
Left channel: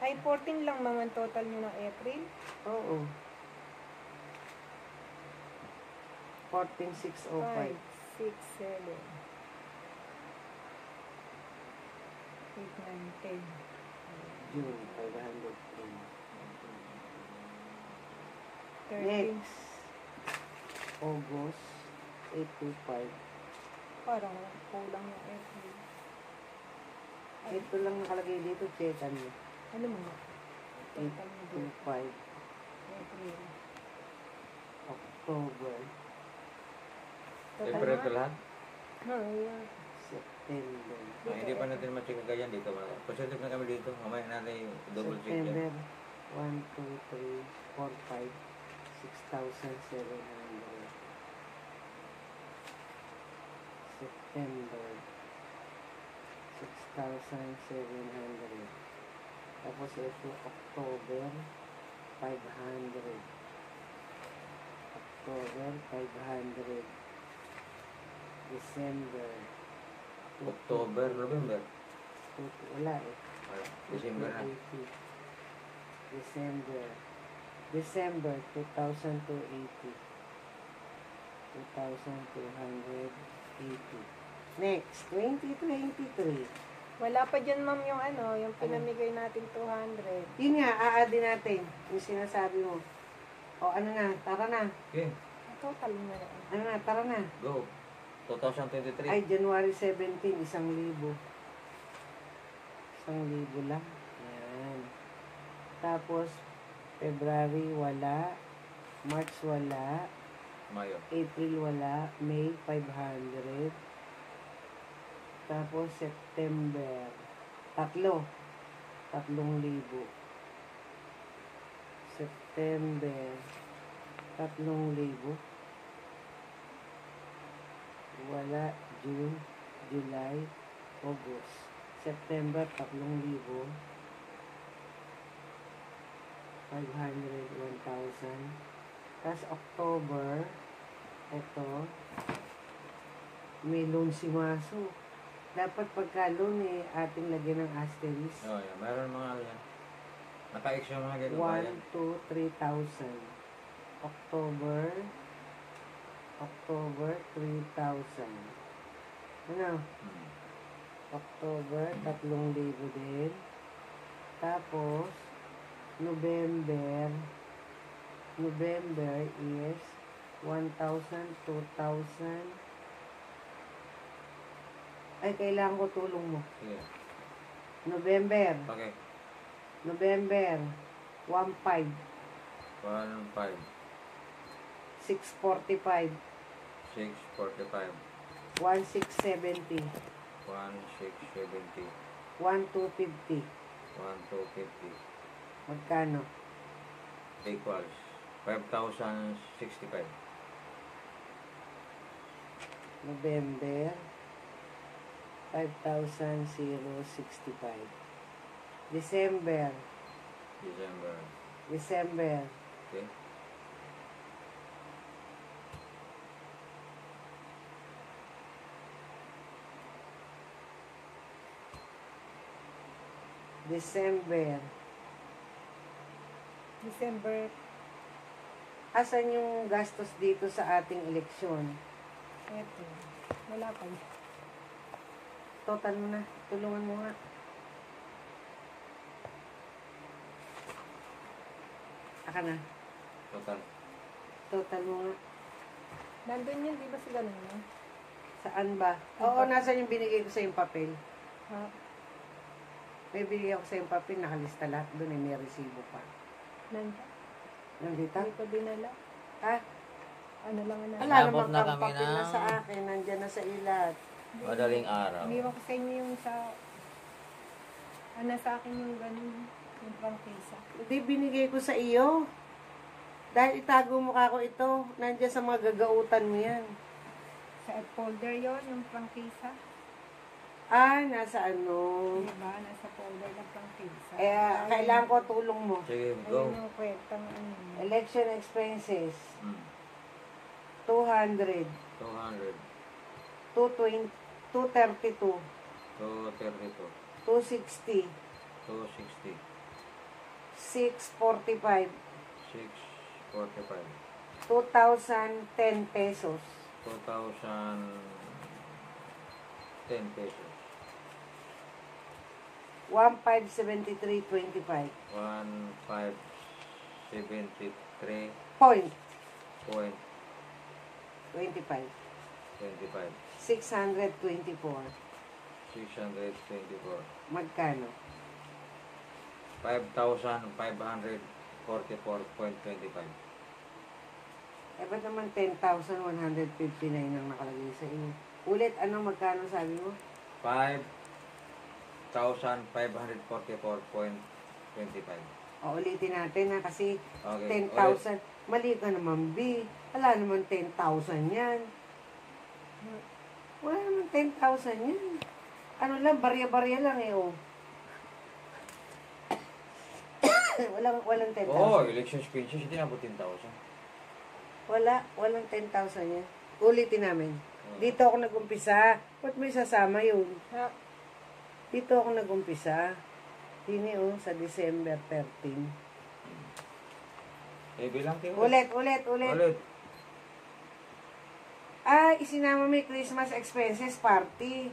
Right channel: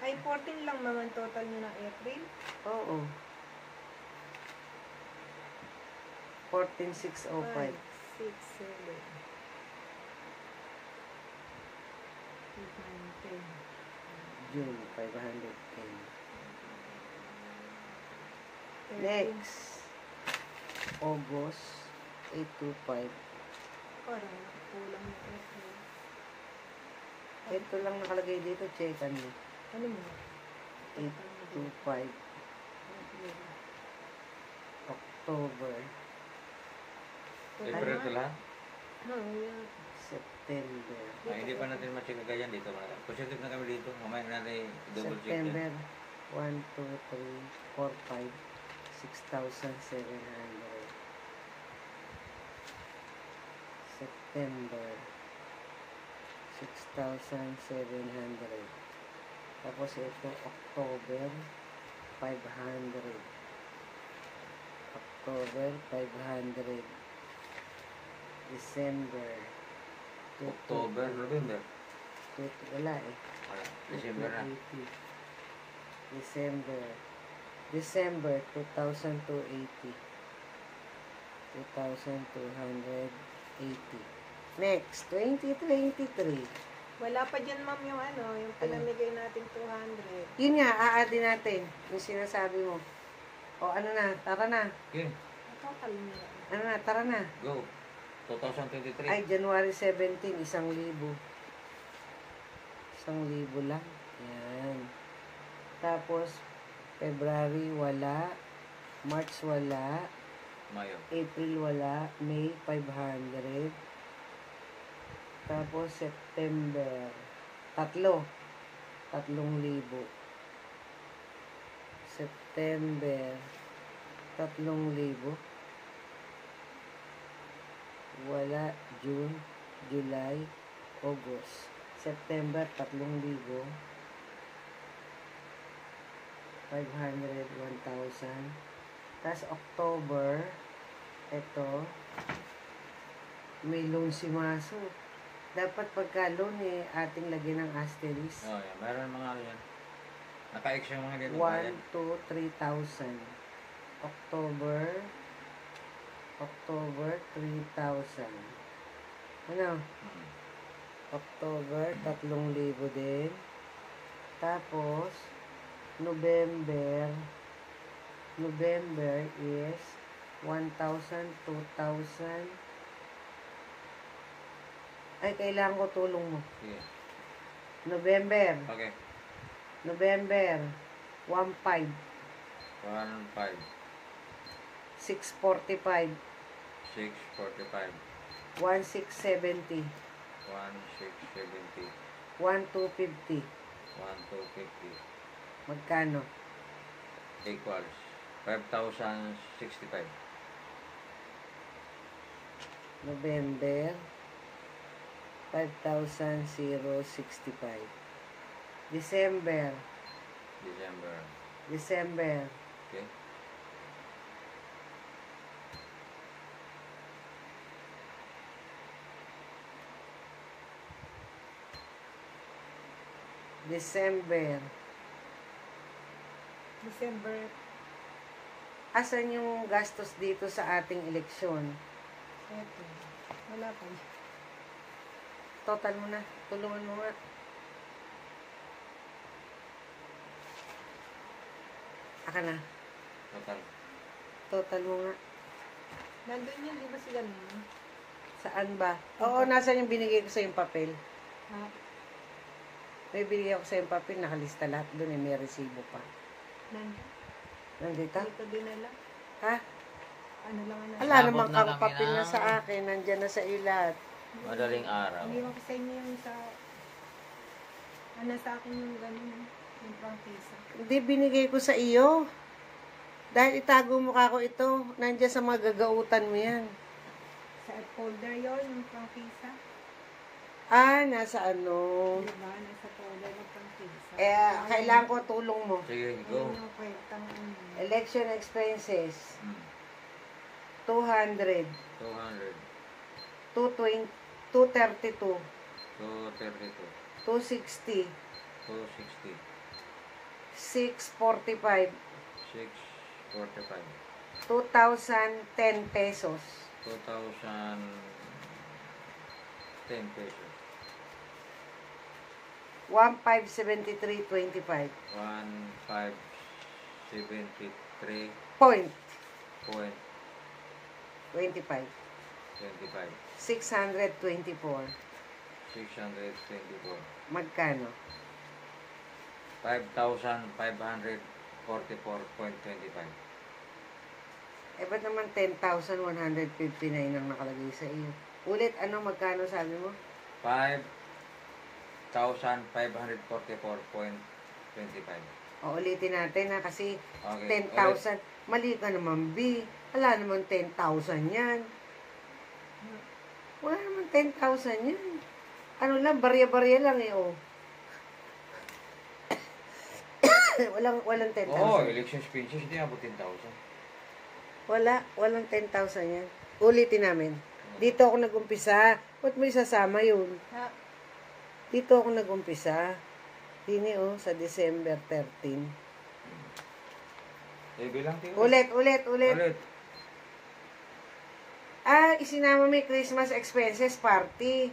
Ay, 14 lang ma'am ang total nyo ng April. Oo. 5, 14,605. 6, 7, 8, 9, 10. June. 510. 13. Next. August. 825. Parang kulang ng April. Ito lang nakalagay dito. Checkan mo. Ano mo? Total mo 25, April. October, April ito lahat. Oo, yun. September, Ay, hindi pa natin ma-check agad yan dito. Positive na kami dito. Mamaya natin i-double check yan. September, 1, 2, 3, 4, 5, 6,700. September, 6,700. Tapos ito, October, 500. October, 500. December, October, November. wala eh. December na. 280. December 2,280. 2,280. Next, 2023. Wala pa dyan, ma'am, yung ano, yung pinamigay natin 200. Yun nga, aadi natin. Yung sinasabi mo. O ano na, tara na. Okay, Total na lang. Ano na, tara na. go. 2023. Ay, January 17, 1,000. 1,000 lang. Yan. Tapos, February, wala. March, wala. Mayo. April, wala. May, 500. Tapos, September, 3,000. September, 3,000. Wala. June, July, August. September, 3,000. 500, 1,000. Tapos October, ito, may loan si Maso. Dapat pagka loan eh, ating lagyan ng asterisk. Oh, yan. Mayroon mga ano yan. Naka-X yung mga dito. 1, 2, 3,000. October, 3,000. Ano? Hmm. October, 3,000 din. Tapos, November is 1,000, 2,000. Ay, kailangan ko tulong mo. Sige. November, Okay. 1,500, 1,500. 645, 645. 1,670, 1,670. 1,250. 1,250. Magkano? Equals 5,065. November, 5,065. December, Okay. December. Asan yung gastos dito sa ating eleksyon? Eto. Wala pa. Total mo na. Tulungan mo nga. Aka na. Total mo nga. Nandun yun, di ba si ganun? Saan ba? Oo, nasan yung binigay ko sa yung papel? Ha? May binigay ako sa yung papel, nakalista lahat doon eh, may resibo pa. Nandun. Nandito? Dito dinala. Ha? Ano lang ano. Wala Abot namang na kami papel na ng- sa akin, nandyan na sa iyo lahat. Madaling araw. Iniwan ko sa inyo yung sa... Ano sa akin yung ganun. Yung prangkisa. Hindi, binigay ko sa iyo. Dahil itago mo ka ko ito, nandyan sa mga gagautan mo yan. Sa folder yon yung prangkisa. Ah, nasa ano. Diba? Nasa folder ng prangkisa. Kailangan ko tulong mo. Sige, Ayun go. yung kwentang ano. Election expenses, Hmm. 200, 200. 220, 232, 232. 260, 260. 645, 645. 2,010 pesos. 2,010 pesos. 1,573.25. 1,573.25. Point. 25. 624. 624. Magkano? 5,544.25. Eh, ba't naman 10,159 ang nakalagay sa iyo? Ulit, magkano sabi mo? 5,544.25. O, ulitin natin ha, kasi Okay, 10,000. Mali ka naman, B. Wala naman 10,000 yan. Wala naman 10,000 yan. Ano lang, barya-barya lang eh, oh. walang 10,000. Oo, election speeches, hindi abot 10,000. Walang 10,000 yan. Ulitin namin. Dito ako nag-umpisa. Ba't mo isasama yun? Ha? Dito ako nag-umpisa. Dini sa December 13. Bilang tayo. Ulit. Ulit. Isinama may Christmas expenses party.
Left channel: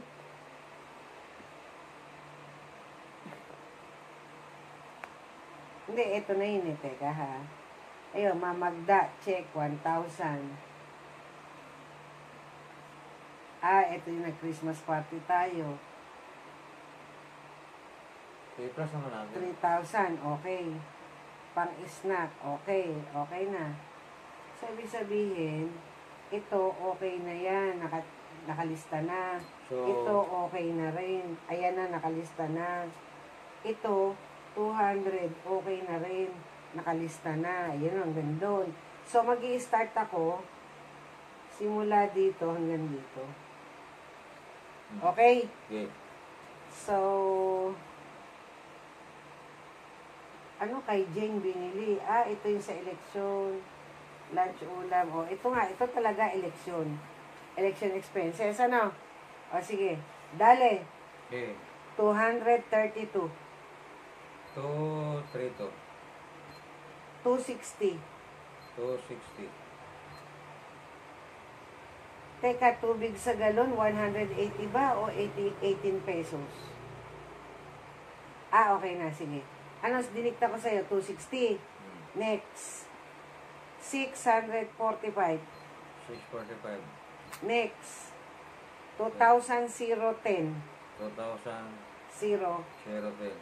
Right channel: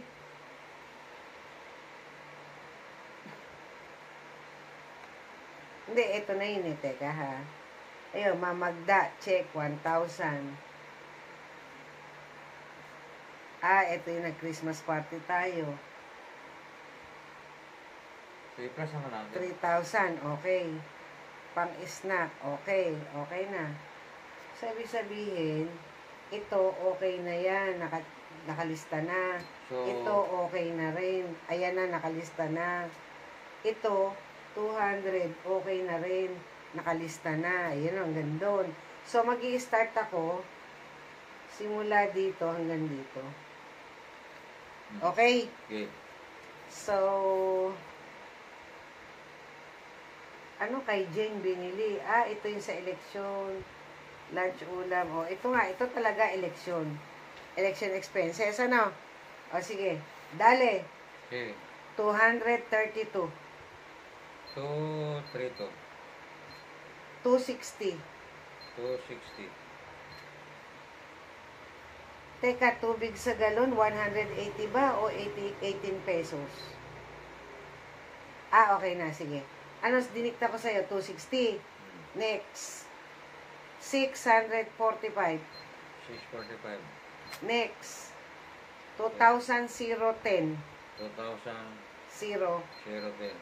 Hindi, ito na yun eh. Teka ha. Ayun, mamagda. Check, 1,000. Ito yung nag-Christmas party tayo. 3 plus naman natin. 3,000, okay. Pang-snack, okay. Okay na. Sabi-sabihin, ito okay na yan. Nakalista na. So, Ito okay na rin. Ayan na, nakalista na. Ito, 200, okay na rin. Nakalista na. Ayan, hanggang doon. So, mag-i-start ako simula dito hanggang dito. Okay? okay. So, ano kay Jane binili? Ito yung sa eleksyon. Lunch, ulam. Ito nga. Ito talaga eleksyon. Election expenses. Ano? Sige. Dale. Okay. 232. 232. 260. 260. Teka, tubig sa galon, 180 ba? O 18 pesos? Okay na. Sige. Ano, dinikta ko sa'yo? 260. Next. 645. 645. Next. 2,010. 2,000. 0. 010.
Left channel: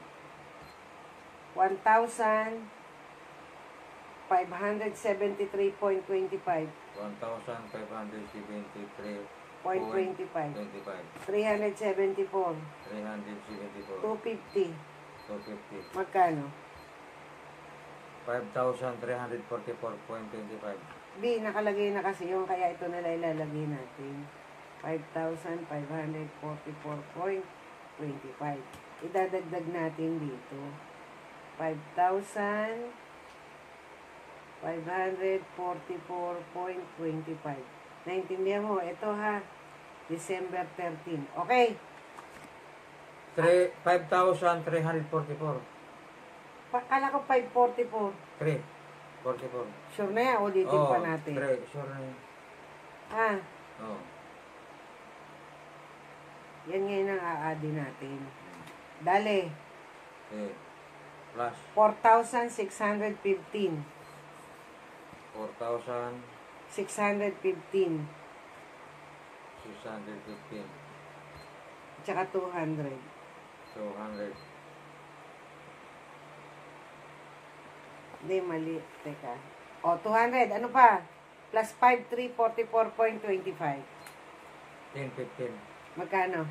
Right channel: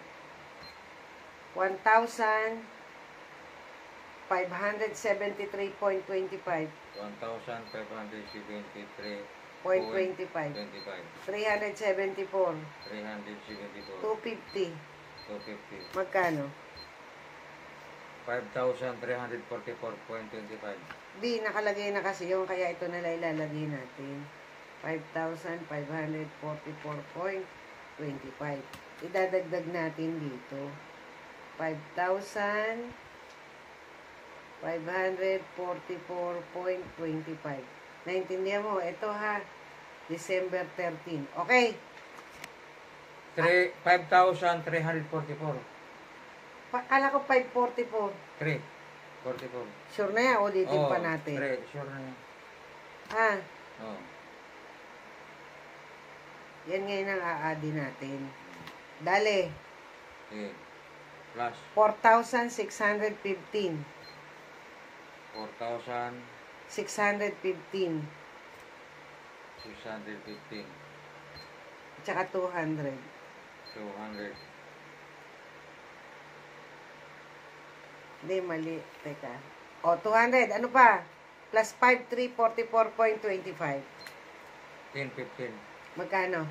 1,573.25. 1,573.25. 374. 374. 250. 250. Magkano? 5,344.25. Nakalagay na kasi yung kaya ito na lang ilalagay natin. 5,544.25. Idadagdag natin dito. 5,544.25. Naintindihan mo? Ito ha. December 13. Okay. 5,344. Kala ko 544. 344. Sure na yan. Ulitin pa natin. 3. Sure na yan. Oh. Yan ngayon ang aadi natin. Dale. Okay. Plus 4,615. 4,615. 615. Tsaka 200. 200. Hindi, mali. Teka. 200. Ano pa? Plus 5,344.25. 10,15. Magkano?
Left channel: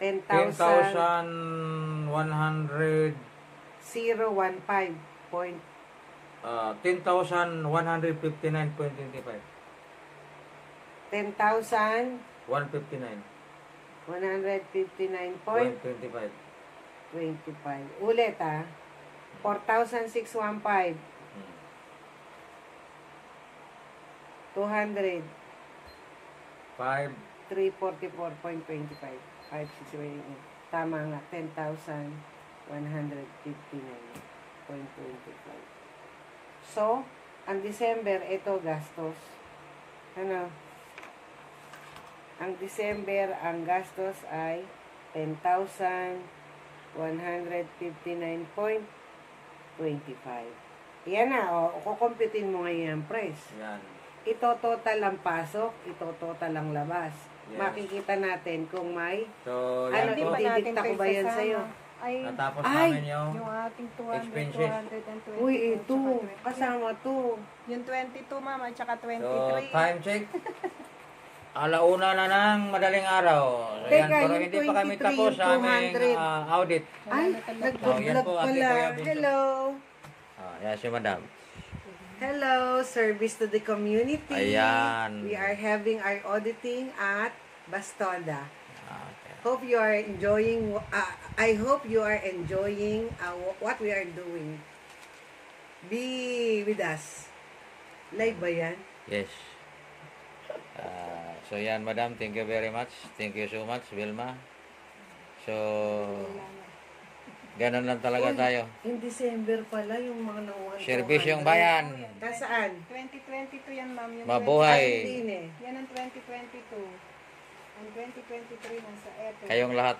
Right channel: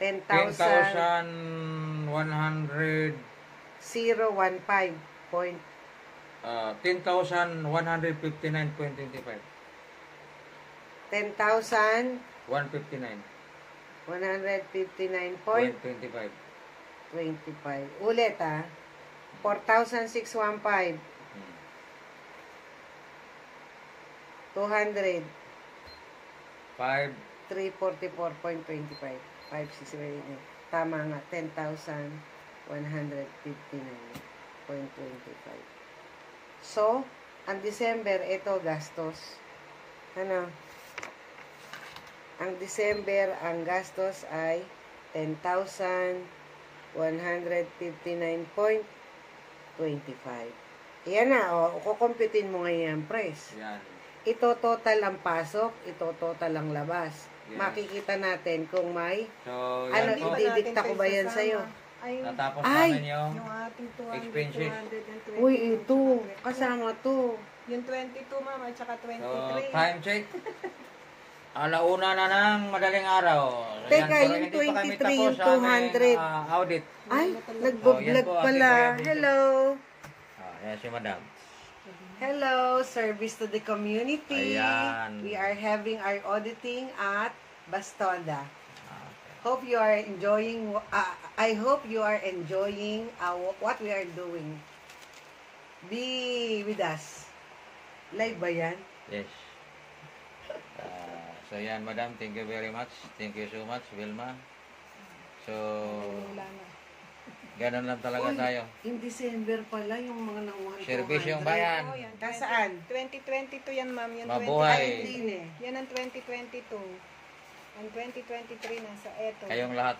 10,100. 10,015. 10,159.25. 10,159. 159.25. 25. Ulit 4,615. 200. 5. 344.25. 560. Tama nga. 10,159.25. So, ang December, ito gastos. Ano? Ang December, ang gastos ay 10,159.25. Yan na, kukumpitin mo ngayon ang price. Yan. Ito total ang pasok, ito total ang labas. Yes. Makikita natin kung may, So, ano, yan po. ididikta ko ba yan Kasama. sa'yo? Ay, natapos Ay! namin yung yung ating 200, Expenses. 220. Uy, ito. Kasama to. Yung 22, ma'am, at saka 23. so, time check. Alauna na ng madaling araw. So, Teka, pero yung hindi pa kami 23, tapos sa aming 200. audit. Ay, na talaga. nagpo-vlog yan po, Ate pala. Kuya Bunso. Hello. Yan si Madam. Hello, service to the community. Ayan. We are having our auditing at Bastonda. Okay. Hope you are enjoying. I hope you are enjoying what we are doing. Be with us. Live ba yan? Yes. So yan, Madam, thank you very much. Thank you so much, Vilma. So, ganun lang talaga Uy, tayo. in December pala yung mga nakuha. Service yung bayan. Oh, yan. Nasaan? 2022 yan, ma'am. Yung Mabuhay. Ay, hindi eh. Yan ang 2022. Ang 2023 nasa eto. Kayong lahat.